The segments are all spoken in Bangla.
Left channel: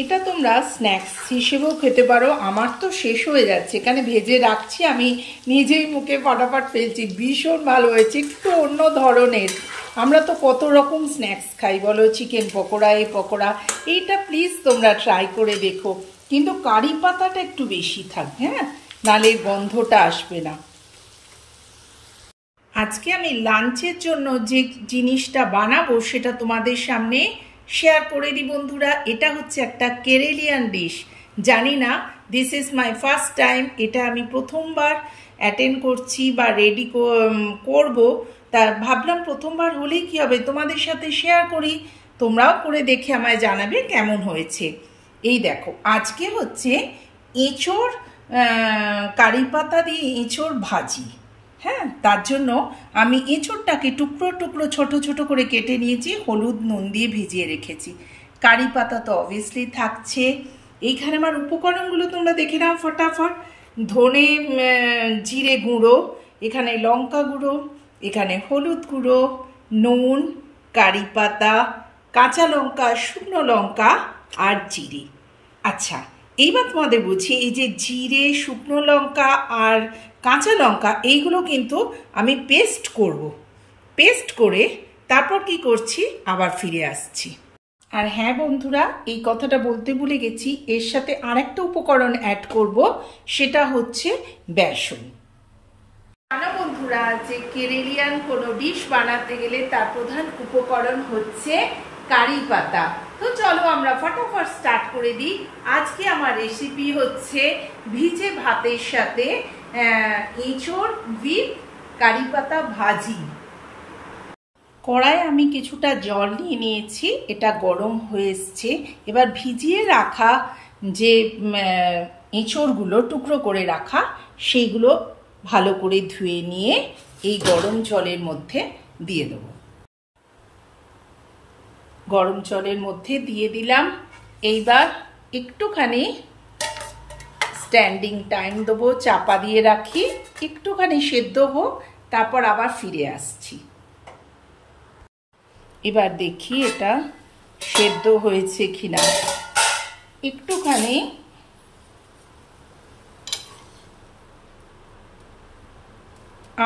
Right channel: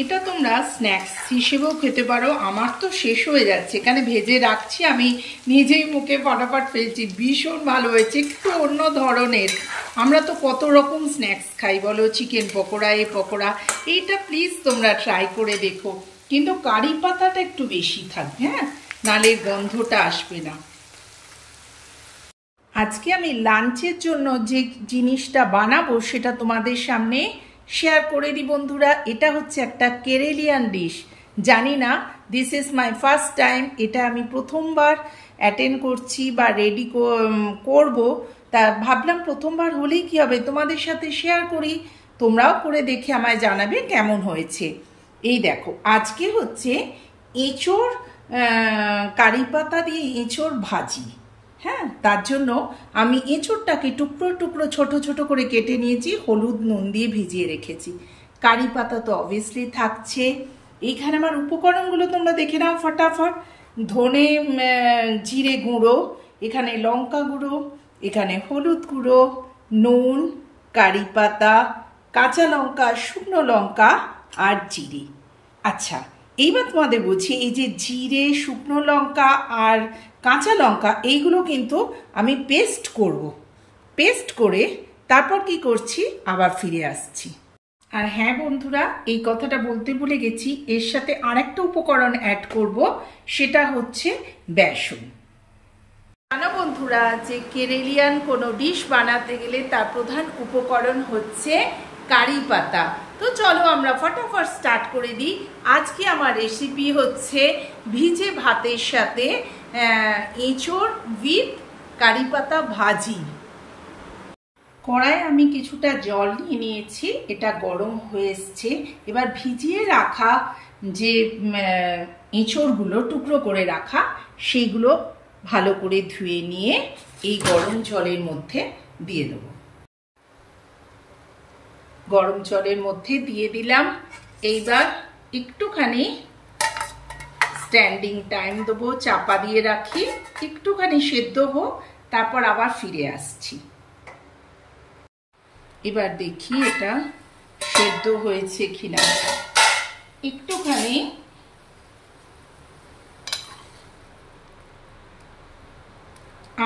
এটা তোমরা স্ন্যাক্স হিসেবেও খেতে পারো। আমার তো শেষ হয়ে যাচ্ছে, এখানে ভেজে রাখছি, আমি নিজেই মুখে ফটাফট ফেলছি। ভীষণ ভালো হয়েছে, একটু অন্য ধরনের। আমরা তো কত রকম স্ন্যাক্স খাই বলো, চিকেন পকোড়া, এই পকোড়া। এইটা প্লিজ তোমরা ট্রাই করে দেখো, কিন্তু কারি পাতাটা একটু বেশি থাকবে, হ্যাঁ, নালে গন্ধটা আসবে না। আজকে আমি লাঞ্চের জন্য যে জিনিসটা বানাবো সেটা তোমাদের সামনে শেয়ার করে দিই বন্ধুরা। এটা হচ্ছে একটা কেরেলিয়ান ডিশ। জানি না, this is my first time. এটা আমি প্রথমবার অ্যাটেন্ড করছি বা রেডি করব। তা ভাবলাম প্রথমবার হলেই কি হবে, তোমাদের সাথে শেয়ার করি, তোমরাও করে দেখে আমায় জানাবে কেমন হয়েছে। এই দেখো, আজকে হচ্ছে এঁচোড়, কারি পাতা দিয়ে এঁচোড় ভাজি। হ্যাঁ, তার জন্য আমি এঁচোড়টাকে টুকরো টুকরো ছোট ছোট করে কেটে নিয়েছি, হলুদ নুন দিয়ে ভিজিয়ে রেখেছি। কারি পাতা তো অবভিয়াসলি থাকছে। এইখানে আমার উপকরণগুলো তোমরা দেখে নাও ফটাফট। ধনে জিরে গুঁড়ো, এখানে লঙ্কা গুঁড়ো, এখানে হলুদ গুঁড়ো, নুন, কারি পাতা, কাঁচা লঙ্কা, শুকনো লঙ্কা আর জিরে। আচ্ছা, এইবার তোমাদের বলছি, এই যে জিরে, শুকনো লঙ্কা আর কাঁচা লঙ্কা, এইগুলো কিন্তু আমি পেস্ট করব। পেস্ট করে তারপর কি করছি আবার ফিরে আসছি। আর হ্যাঁ বন্ধুরা, এই কথাটা বলতে ভুলে গেছি, এর সাথে আরেকটা উপকরণ অ্যাড করব, সেটা হচ্ছে বেসন। জানো বন্ধুরা, যে কেরেলিয়ান কোনো ডিশ বানাতে গেলে তার প্রধান উপকরণ হচ্ছে কারি পাতা। তো চলো আমরা ফটাফট স্টার্ট করে দিই। আজকে আমার রেসিপি হচ্ছে ভিজে ভাতের সাথে এঁচোড় উইথ কারি পাতা ভাজি। কড়াই আমি কিছুটা জল নিয়ে নিয়েছি, এটা গরম হয়ে এসছে। এবার ভিজিয়ে রাখা যে এঁচোড়গুলো টুকরো করে রাখা, সেইগুলো ভালো করে ধুয়ে নিয়ে এই গরম জলের মধ্যে দিয়ে দেবো। গরম জলের মধ্যে দিয়ে দিলাম। এইবার একটুখানি স্ট্যান্ডিং টাইম দেবো, চাপা দিয়ে রাখি, একটুখানি সেদ্ধ হোক, তারপর আবার ফিরে আসছি। এবার দেখি এটা সেদ্ধ হয়েছে কিনা। একটুখানি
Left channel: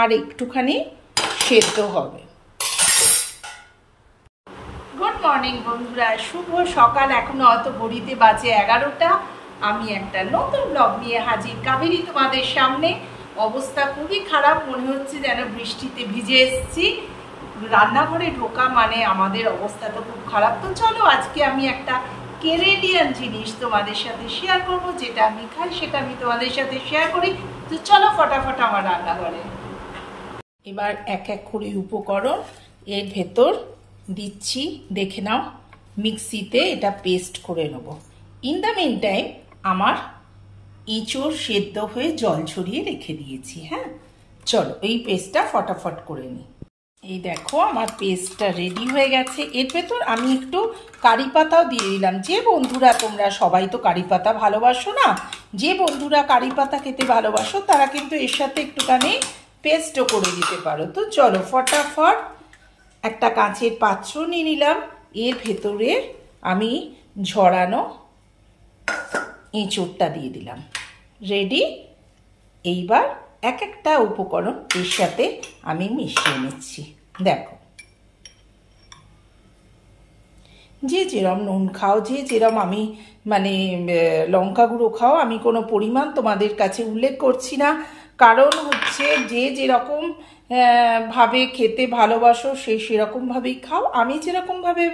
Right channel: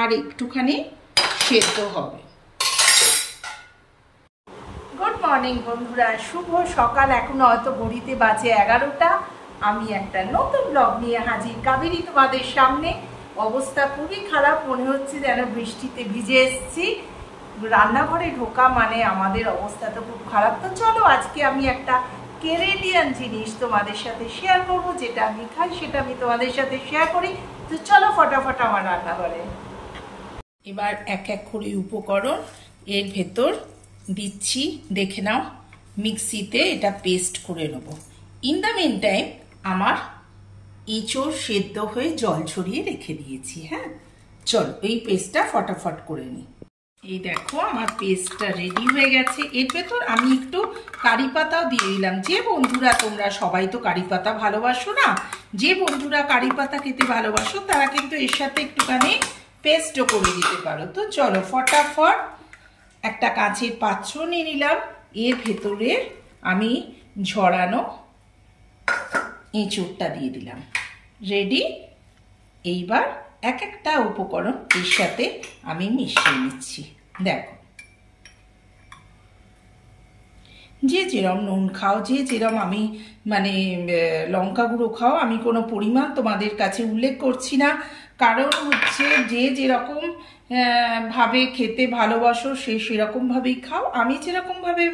আর একটুখানি সেদ্ধ হবে। গুড মর্নিং বন্ধুরা, শুভ সকাল। এখনো হয়তো ঘড়িতে বাজে 11টা। আমি একটা নতুন ব্লগ নিয়ে হাজির কাবেরী তোমাদের সামনে। অবস্থা খুবই খারাপ, মনে হচ্ছে যেন বৃষ্টিতে ভিজে এসেছি। রান্নাঘরে ঢোকা মানে আমাদের অবস্থা তো খুব খারাপ। তো চলো, আজকে আমি একটা কেরেলিয়ান জিনিস তোমাদের সাথে শেয়ার করব, যেটা আমি খাই সেটা আমি তোমাদের সাথে শেয়ার করি। তো চলো ফটাফট আমার রান্নাঘরে। এবার এক এক করে উপকরণ এর ভেতর দিচ্ছি, দেখে নাও। মিক্সিতে এটা পেস্ট করে নেব। ইন দ্য মিন টাইম আমার এঁচোড় সেদ্ধ হয়ে জল ছড়িয়ে রেখে দিয়েছি। হ্যাঁ, চলো এই পেস্টটা ফটাফট করে নিই। এই দেখো, আমার পেস্টটা রেডি হয়ে গেছে। এর ভেতর আমি একটু কারি পাতাও দিয়ে দিলাম। যে বন্ধুরা, তোমরা সবাই তো কারি পাতা ভালোবাসো না, যে বন্ধুরা কারি পাতা খেতে ভালোবাসো তারা কিন্তু এর সাথে একটুখানি পেস্টও করে দিতে পারো। তো চলো ফটাফট একটা কাঁচের পাত্র নিয়ে নিলাম। এর ভেতরে আমি ঝরানো এঁচোড়টা দিয়ে দিলাম। রেডি। এইবার এক একটা উপকরণ এর সাথে আমি মিশিয়ে নিচ্ছি। দেখো, যে যেরম নুন খাও, যে যেরম আমি মানে লঙ্কা গুঁড়ো খাও, আমি কোনো পরিমাণ তোমাদের কাছে উল্লেখ করছি না, কারণ হচ্ছে যে যেরকম ভাবে খেতে ভালোবাসো সে সেরকম ভাবেই খাও। আমি যেরকম ভাবে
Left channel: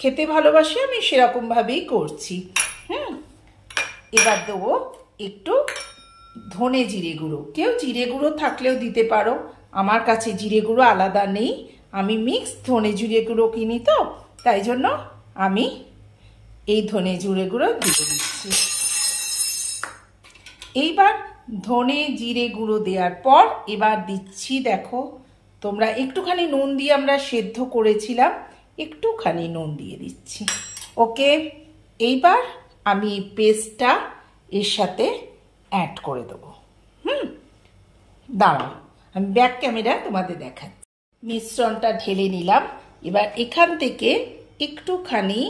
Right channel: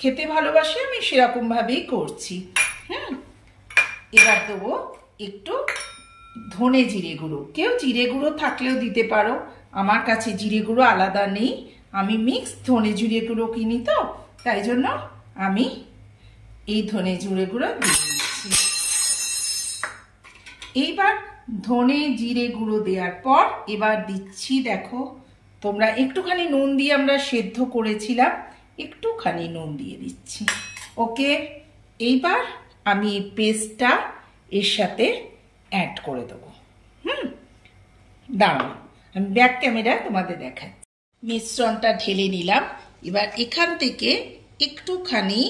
খেতে ভালোবাসি আমি সেরকম ভাবেই করছি। এবার দেবো একটু ধনে জিরে গুঁড়ো। কেউ জিরে গুঁড়ো থাকলেও দিতে পারো, আমার কাছে জিরে গুঁড়ো আলাদা নেই, আমি মিক্স ধনে জিরে গুঁড়ো কিনি, তো তাই জন্য আমি এই ধনে জিরে গুঁড়ো দিয়ে দিচ্ছি। এইবার ধনে জিরে গুঁড়ো দেওয়ার পর এবার দিচ্ছি, দেখো তোমরা, একটুখানি নুন দিয়ে আমরা সেদ্ধ করেছিলাম, একটুখানি নুন দিয়ে দিচ্ছি। ওকে, এইবার আমি পেস্টটা এর সাথে অ্যাড করে দেবো। দাঁড়াও, আমি ব্যাক ক্যামেরায় তোমাদের দেখাচ্ছি। মিশ্রণটা ঢেলে নিলাম। এবার এখান থেকে একটুখানি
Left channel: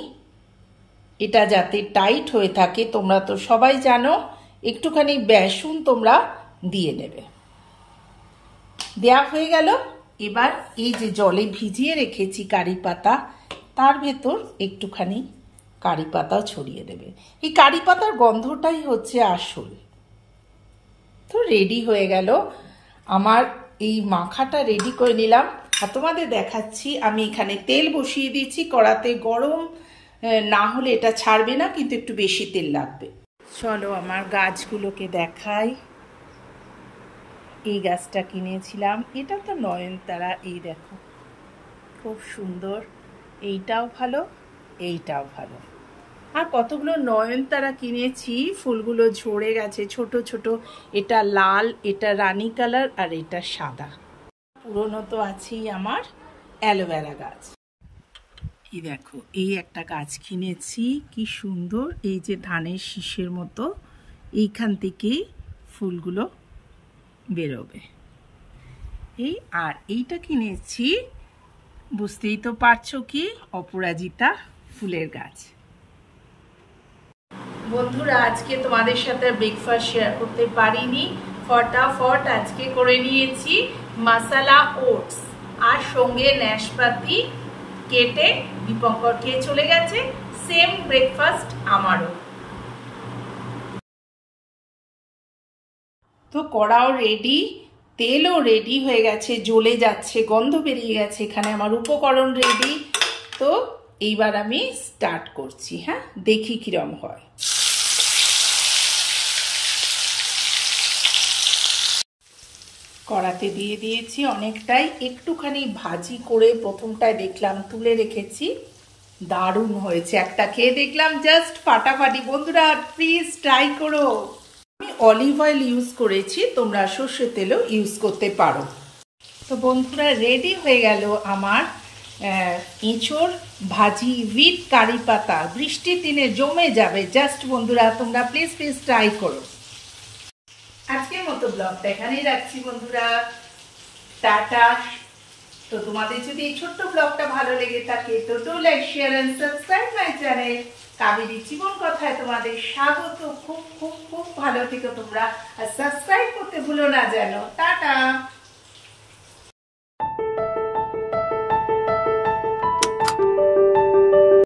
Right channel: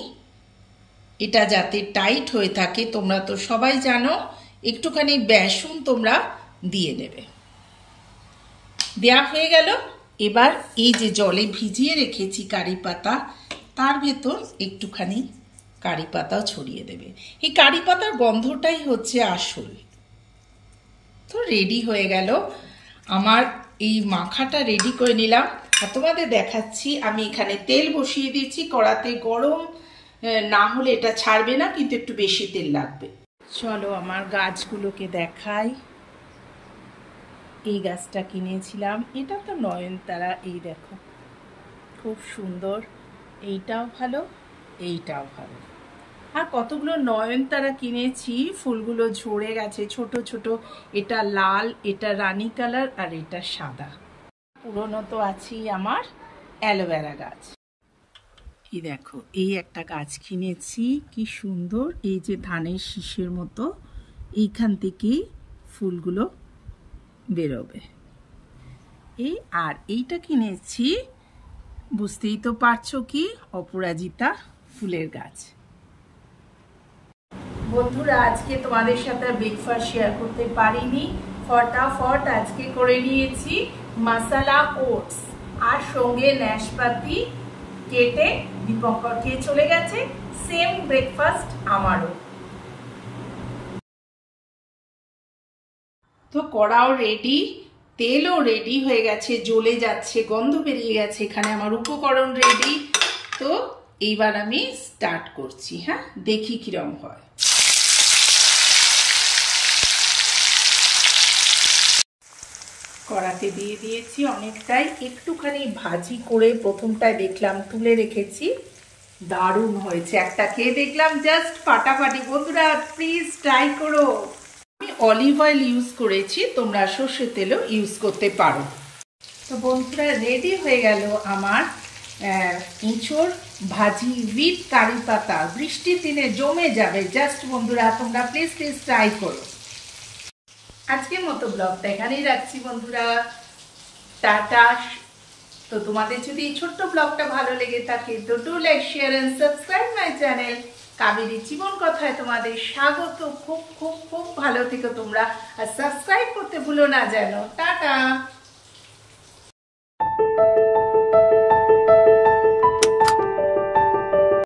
এটা যাতে টাইট হয়ে থাকে তোমরা তো সবাই জানো, একটুখানি বেসন তোমরা দিয়ে নেবে। দেয়া হয়ে গেল। এবার এই যে জলে ভিজিয়ে রেখেছি কারি পাতা, তার ভেতর একটুখানি কারি পাতাও ছড়িয়ে দেবে। এই কারি পাতার গন্ধটাই হচ্ছে আসল। তো রেডি হয়ে গেল আমার এই মাখাটা, রেডি করে নিলাম। আর তোমাদের দেখাচ্ছি, আমি এখানে তেল বসিয়ে দিয়েছি কড়াতে। গরম না হলে এটা ছাড়বে না, কিন্তু একটু বেশি তেল লাগবে। চলো আমার গাছগুলোকে দেখাই। এই গাছটা কিনেছিলাম, এটা তো নয়নতারা। এই দেখো খুব সুন্দর, এইটাও ভালো, এইটাও ভালো। আর কতগুলো নয়নতারা কিনেছি, ফুলগুলো ঝরে গেছে ছোট ছোট। এটা লাল, এটা রানী কালার, আর এটা সাদা। পুরনো তো আছেই আমার অ্যালোভেরা গাছ। এই দেখো এই একটা গাছ কিনেছি, কি সুন্দর। এই যে ধানের শীষের মতো, এইখান থেকেই ফুলগুলো বেরোবে। এই আর এইটা কিনেছি, বুঝতেই তো পারছো কি, অপরাজিতা ফুলের গাছ। বন্ধুরা আজকে তোমাদের সাথে ব্রেকফাস্ট শেয়ার করতে পারিনি, ফটাফট আজকে করে নিয়েছি মশলা ওটস, আর সঙ্গে নাশপাতি কেটে দীপঙ্কর খেয়ে চলে গেছে। সেম ব্রেকফাস্ট আমারও। তো কড়াও রেডি, তেলও রেডি হয়ে গেছে, জ্বলে যাচ্ছে, গন্ধ বেরিয়ে গেছে। এখানে আমার উপকরণ রেডি। তো এইবার আমি স্টার্ট করছি। হ্যাঁ, দেখি কিরম হয়। কড়াতে দিয়ে দিয়েছি অনেকটাই, একটুখানি ভাজি করে প্রথমটায় দেখলাম তুলে রেখেছি। দারুণ হয়েছে, একটা খেয়ে দেখলাম জাস্ট ফাটাফাটি। বন্ধুরা প্লিজ ট্রাই করো। আমি অলিভ অয়েল ইউজ করেছি, তোমরা সর্ষের তেলও ইউজ করতে পারো। তো বন্ধুরা রেডি হয়ে গেল আমার এঁচোড় ভাজি উইথ কারি পাতা। বৃষ্টির দিনে জমে যাবে জাস্ট। বন্ধুরা তোমরা প্লিজ প্লিজ ট্রাই করো। আজকের মতো ব্লগটা এখানেই রাখছি বন্ধুরা, টাটা। তো তোমাদের যদি এই ছোট্ট ব্লগটা ভালো লেগে থাকে তো do like, share and subscribe my channel Kaveri জীবন কথায়। তোমাদের স্বাগত। খুব খুব খুব ভালো থেকো তোমরা, আর সাবস্ক্রাইব করতে ভুলো না যেন। টাটা।